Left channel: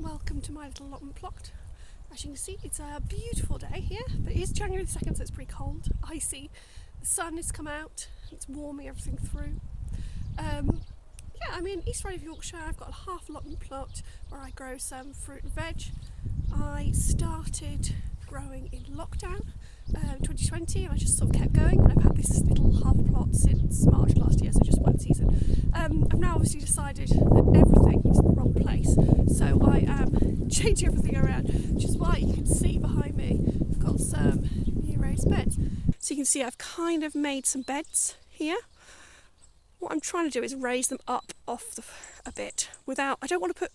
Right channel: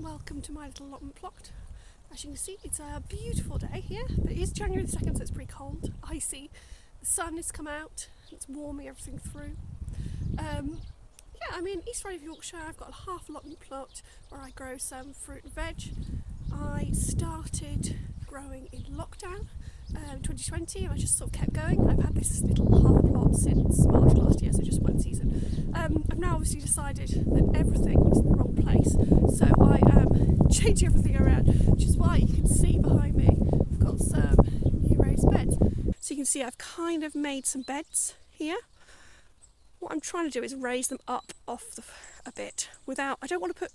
Welcome to my little allotment plot. As you can see, it's a beautiful day here, but it is January the 2nd, so it's pretty cold, icy. The sun has come out, it's warming everything through. I'm in East Yorkshire. I've got a half allotment plot where I grow some fruit and veg. I started growing in lockdown 2020 and I just sort of kept going. I've had this little half plot since March last year, so just one season. I've now obviously decided that everything is in the wrong place, so I am changing everything around, which is why you can see behind me I've got some raised beds. So you can see I've kind of made some beds here. What I'm trying to do is raise them up a bit without. I don't want to put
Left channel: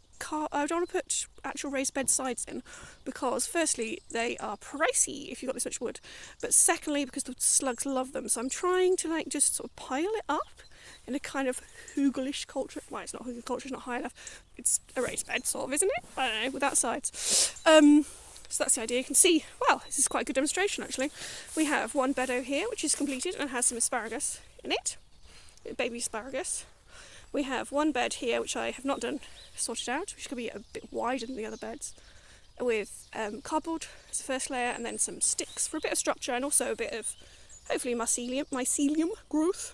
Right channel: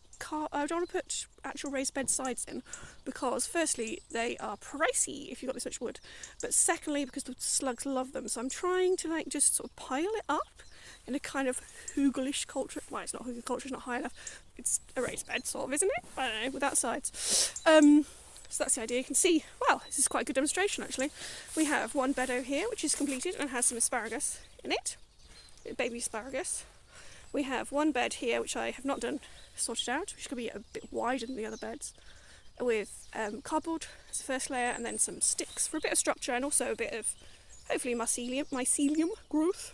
actual raised bed sides in because firstly they are pricey if you've got this much wood, but secondly because the slugs love them. So I'm trying to just sort of pile it up in a kind of hugelish culture. Well, it's not hugel culture, it's not high enough. It's a raised bed sort of, isn't it? I don't know, without sides. So that's the idea. You can see, wow, this is quite a good demonstration actually. We have one bed over here which is completed and has some asparagus in it. Baby asparagus. We have one bed here which I have not done sorted out, which could be a bit wider than the other beds, with cardboard as the first layer and then some sticks for a bit of structure and also a bit of hopefully mycelium growth,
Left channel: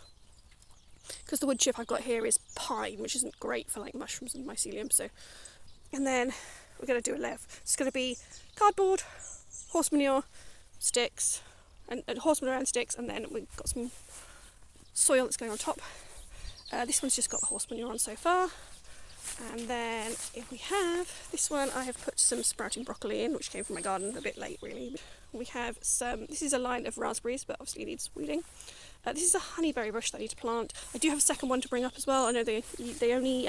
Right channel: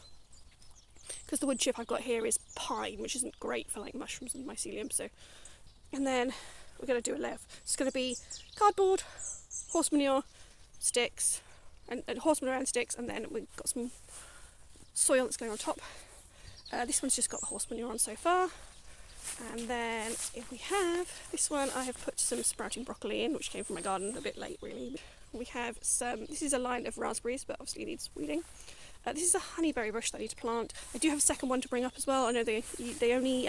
because the wood chip I've got here is pine, which isn't great for like mushrooms and mycelium. So, and then we're going to do a layer. It's going to be cardboard, horse manure, sticks, and horse manure and sticks, and then we've got some soil that's going on top. This one's just got the horse manure on so far, and then if we have this one, I have put some sprouting broccoli in, which came from my garden a bit late really. We have this is a line of raspberries, but obviously it needs weeding. This is a honeyberry bush that I need to plant. I do have a second one to bring up as well. I know they only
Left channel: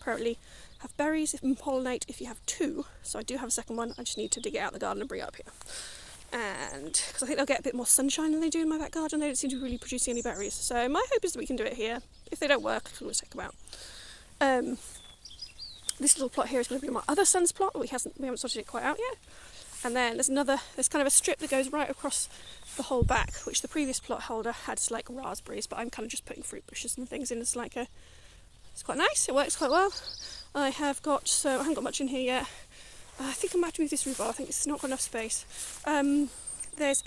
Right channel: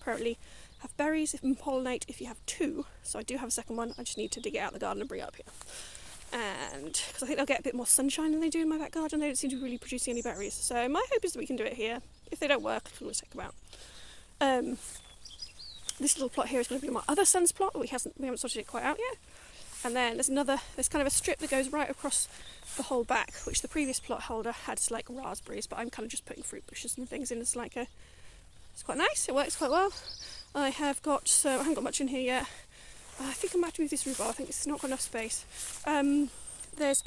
apparently have berries and pollinate if you have two, so I do have a second one. I just need to dig it out of the garden and bring it up here. And because I think they'll get a bit more sunshine than they do in my back garden. They don't seem to be really producing any berries, so my hope is that we can do it here. If they don't work, I can always take them out. This little plot here is going to be my other son's plot, but we haven't sorted it quite out yet. And then there's kind of a strip that goes right across the whole back, which the previous plot holder had like raspberries, but I'm kind of just putting fruit bushes and things in. It's quite nice. It works quite well. I haven't got much in here yet. I think I might have to move this rhubarb. I think it's not got enough space. I don't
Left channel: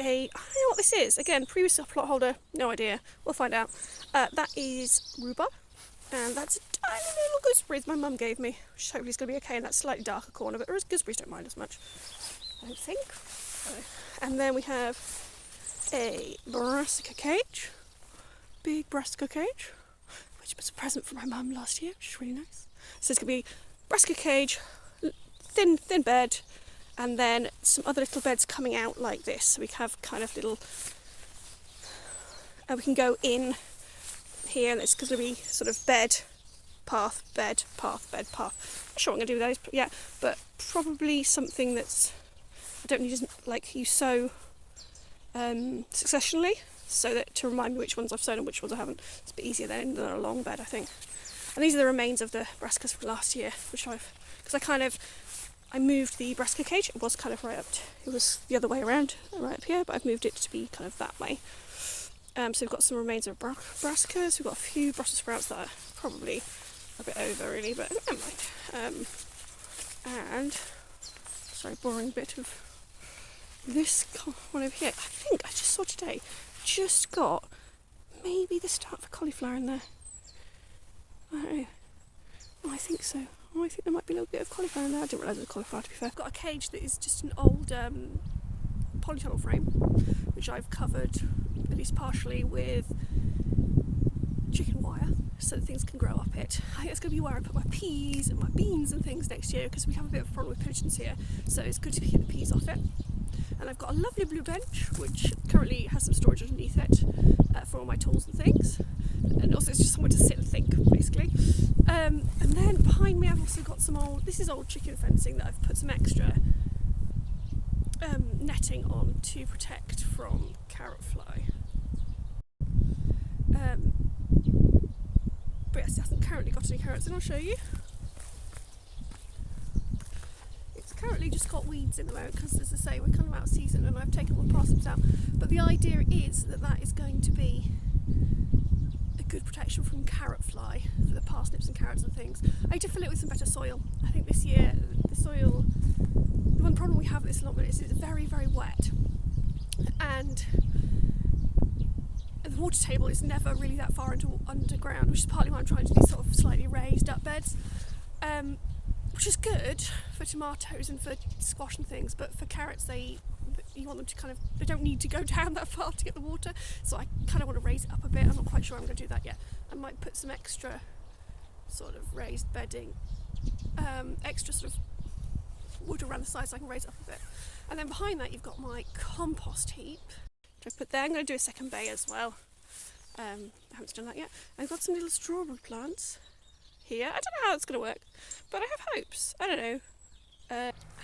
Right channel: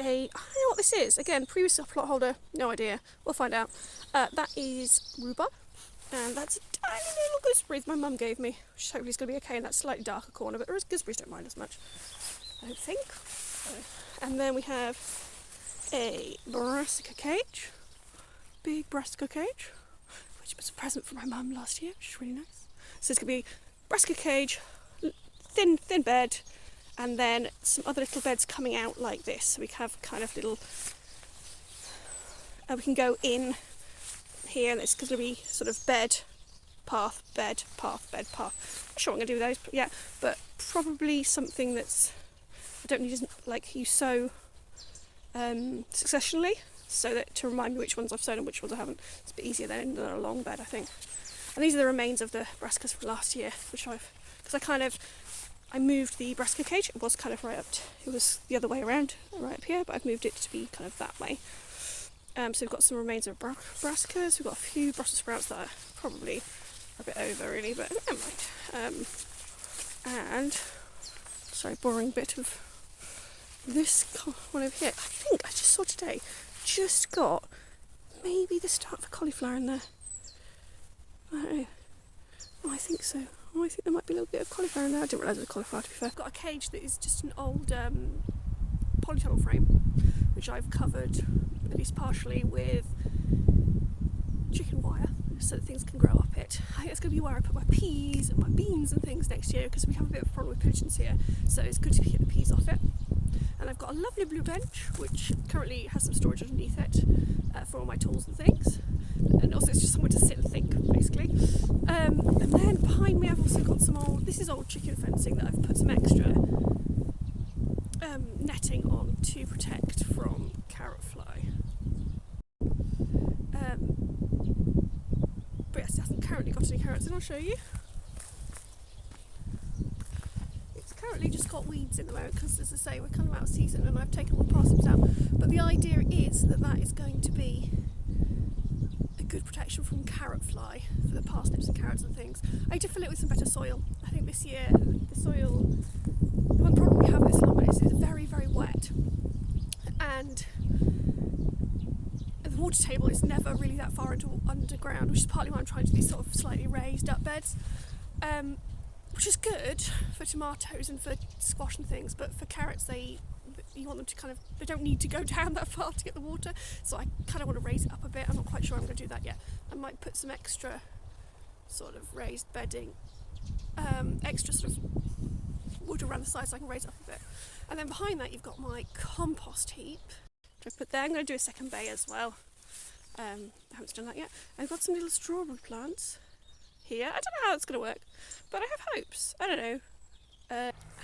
know what this is. Again, previous plot holder, no idea. We'll find out. That is rhubarb, and that's a tiny little gooseberries my mum gave me, which hopefully is going to be okay in that slightly darker corner, but gooseberries don't mind as much, I don't think. And then we have a brassica cage, big brassica cage, which was a present from my mum last year, which is really nice. So it's going to be brassica cage, thin bed, and then some other little beds coming out like this. So we have kind of little, we can go in here, and it's going to be sort of bed, path, bed, path, bed, path. Not sure what I'm going to do with those, but probably something that's, I don't need to like you sow successionally, so that to remind me which ones I've sown and which ones I haven't. It's a bit easier than a long bed, I think. And these are the remains of the brassicas from last year, which I moved the brassica cage. It was kind of it was the other way around, right up here, but I've moved it to be kind of that way. So we've got some remains of brassicas. We've got a few Brussels sprouts that are probably a bit over really, but never mind. And sorry, boring bit of this one over here. I think I just saw today, just got maybe the start of a cauliflower in there. I don't know. Oh, I think so. Oh, I think there might be a little bit of cauliflower in there. I didn't realise it was cauliflower, to be fair. I've got a cage that is just an old polytunnel frame, which I've covered at least partially with chicken wire, so that things can grow up it. I think that's going to be where I put my peas and my beans and things next year, because we have a bit of a problem with pigeons here, so it's good to get the peas off it. And I've got a lovely blue bench, which currently has some storage underneath it for all my tools and things. And also it's just somewhere to sit and think, basically. And then behind me I've also got this is old chicken fencing that I've put some extra netting on to protect from carrot fly. But yes, it hasn't currently got any carrots, and I'll show you. It's currently just got weeds in the moment because, as I say, we're kind of out of season and I've taken all the parsnips out. But the idea is that is going to be a good protection from carrot fly for the parsnips and carrots and things. I need to fill it with some better soil. I think this year the soil, the one problem we have with this allotment is it's very, very wet, and the water table is never really that far underground, which is partly why I'm trying to do these sort of slightly raised up beds, which is good for tomatoes and for squash and things, but for carrots you want them to they don't need to go down that far to get the water, so I kind of want to raise it up a bit. I'm not quite sure I'm going to do that yet. I might put some extra sort of raised bedding, extra sort of wood around the sides so I can raise it up a bit. And then behind that you've got my compost heap, which I put there. I'm going to do a second bay as well. I haven't done that yet. I've got some little strawberry plants here. I don't know how it's going to work, but I have hopes. I don't know.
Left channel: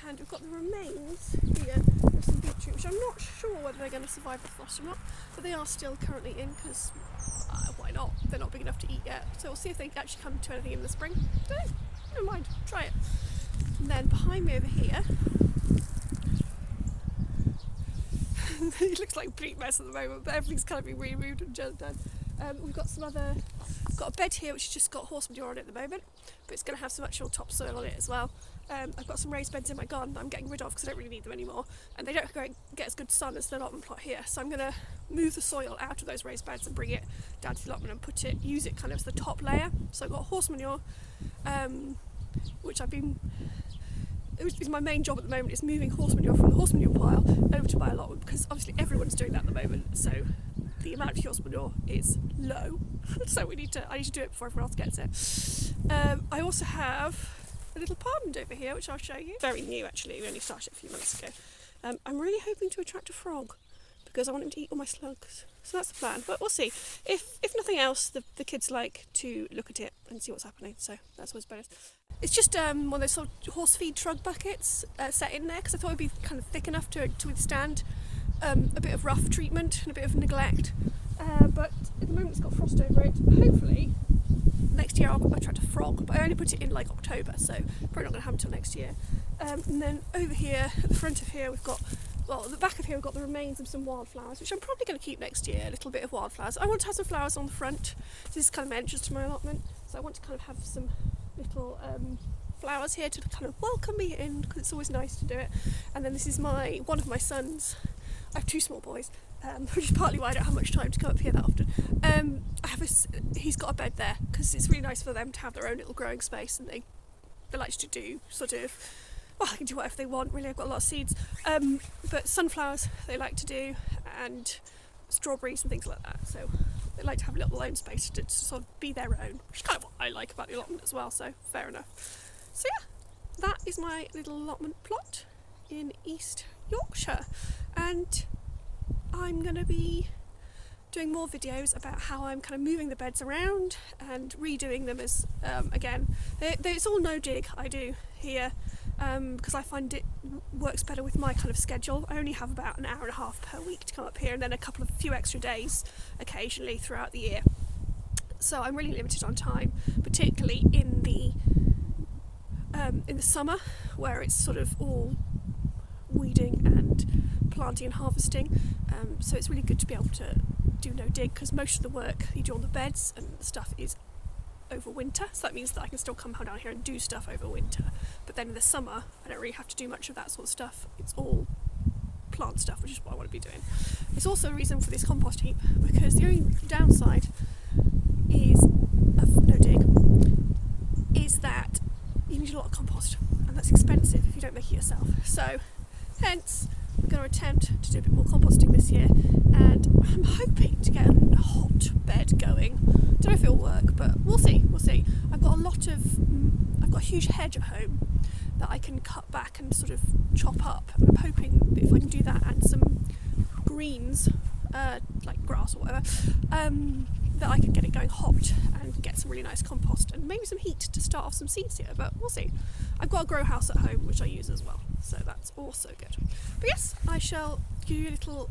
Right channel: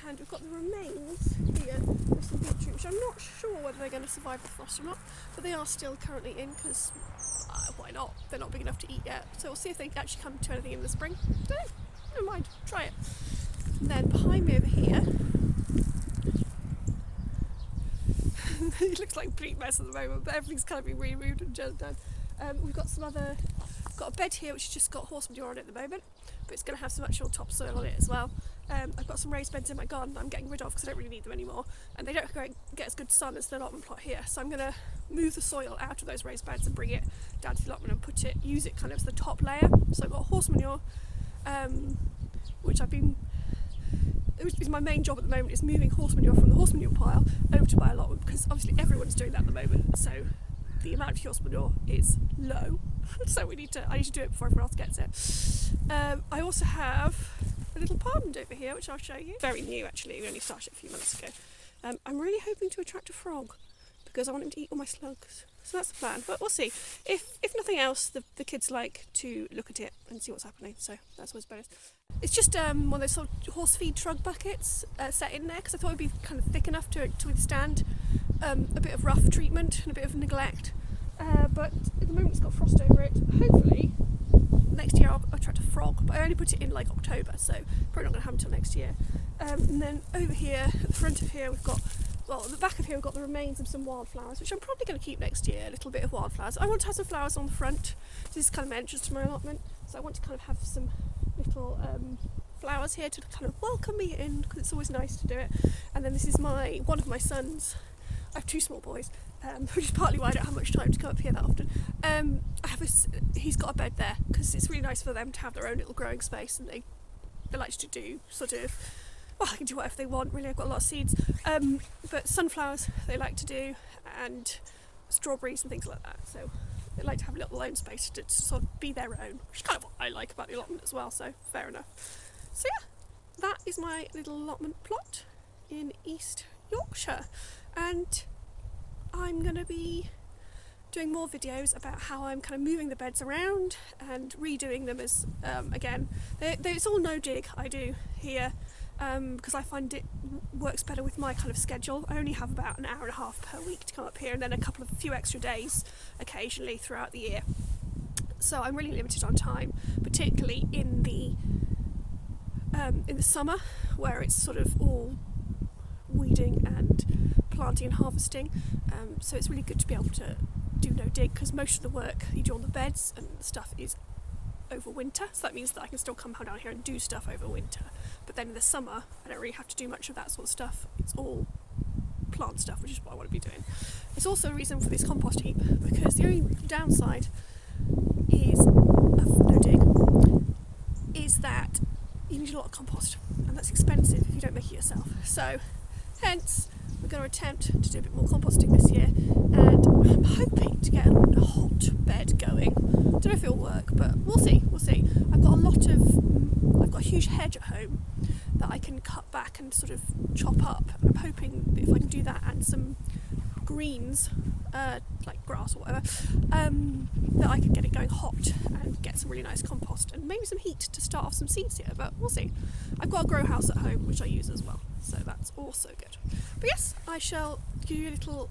And we've got the remains here of some beetroot, which I'm not sure whether they're going to survive the frost or not, but they are still currently in because why not? They're not big enough to eat yet. So we'll see if they actually come to anything in the spring. Don't know. Never mind. Try it. And then behind me over here, it looks like a complete mess at the moment, but everything's kind of been removed and just done. We've got got a bed here which has just got horse manure on it at the moment, but it's going to have some actual topsoil on it as well. I've got some raised beds in my garden that I'm getting rid of because I don't really need them anymore, and they don't get as good sun as the allotment plot here, so I'm going to move the soil out of those raised beds and bring it down to the allotment and use it kind of as the top layer. So I've got horse manure, which is my main job at the moment, is moving horse manure from the horse manure pile over to my allotment, because obviously everyone's doing that at the moment, so the amount of horse manure is low, so I need to do it before everyone else gets it. I also have a little pond over here which I'll show you. Very new actually, we only started it a few months ago. I'm really hoping to attract a frog because I want him to eat all my slugs, so that's the plan, but we'll see. If nothing else, the kids like to look at it and see what's happening, so that's always bonus. It's just one of those sort of horse feed trug buckets set in there because I thought it would be kind of thick enough to withstand a bit of rough treatment and a bit of neglect, but at the moment it's got frost over it. Hopefully next year I'll attract a frog, but I only put it in like October, so probably not going to happen until next year. And then over here, at the front of here, we've got, well, at the back of here we've got the remains of some wildflowers, which I'm probably going to keep next year, a little bit of wildflowers. I want to have some flowers on the front. This is kind of my entrance to my allotment, so I want to kind of have some little flowers here to kind of welcome me in, because it's always nice to do it. And then this is one of my sons. I have two small boys, which is partly why I don't have much time to come up here that often. He's got a bed there because it's really nice for them to have their own little growing space, and they like to do sort of, well, they can do whatever they want really. I've got a lot of seeds, but sunflowers they like to do, and strawberries and things like that, so they like to have a little own space to sort of be their own, which is kind of what I like about the allotment as well, so fair enough. So yeah, that is my little allotment plot in East Yorkshire, and I'm going to be doing more videos about how I'm kind of moving the beds around and redoing them as, again, it's all no dig I do here, because I find it works better with my kind of schedule. I only have about an hour and a half per week to come up here, and then a few extra days occasionally throughout the year. So I'm really limited on time, particularly in the summer, where it's sort of all weeding and planting and harvesting. So it's really good to be able to do no dig, because most of the work you do on the beds and the stuff is over winter, so that means that I can still come down here and do stuff over winter, but then in the summer I don't really have to do much of that sort of stuff. It's all plant stuff, which is what I want to be doing. It's also a reason for this compost heap, because the only downside is of no dig is that you need a lot of compost, and that's expensive if you don't make it yourself, so hence we're going to attempt to do a bit more composting this year, and I'm hoping to get a hot bed going. Don't know if it'll work, but we'll see. I've got a huge hedge at home that I can cut back and sort of chop up, and I'm hoping that if I can do that and some greens, like grass or whatever, that I can get it going hot and get some really nice compost and maybe some heat to start off some seeds here, but we'll see. I've got a grow house at home which I use as well, so that's also good. But yes, I shall give you a little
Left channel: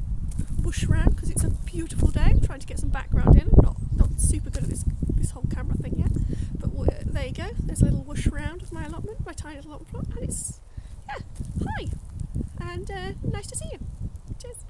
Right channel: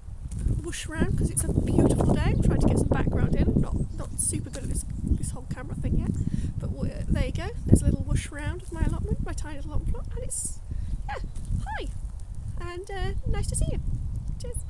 whoosh round because it's a beautiful day. I'm trying to get some background in. I'm not super good at this whole camera thing yet, but there you go. There's a little whoosh round of my allotment, my tiny little allotment plot, and it's, yeah, hi, and nice to see you. Cheers.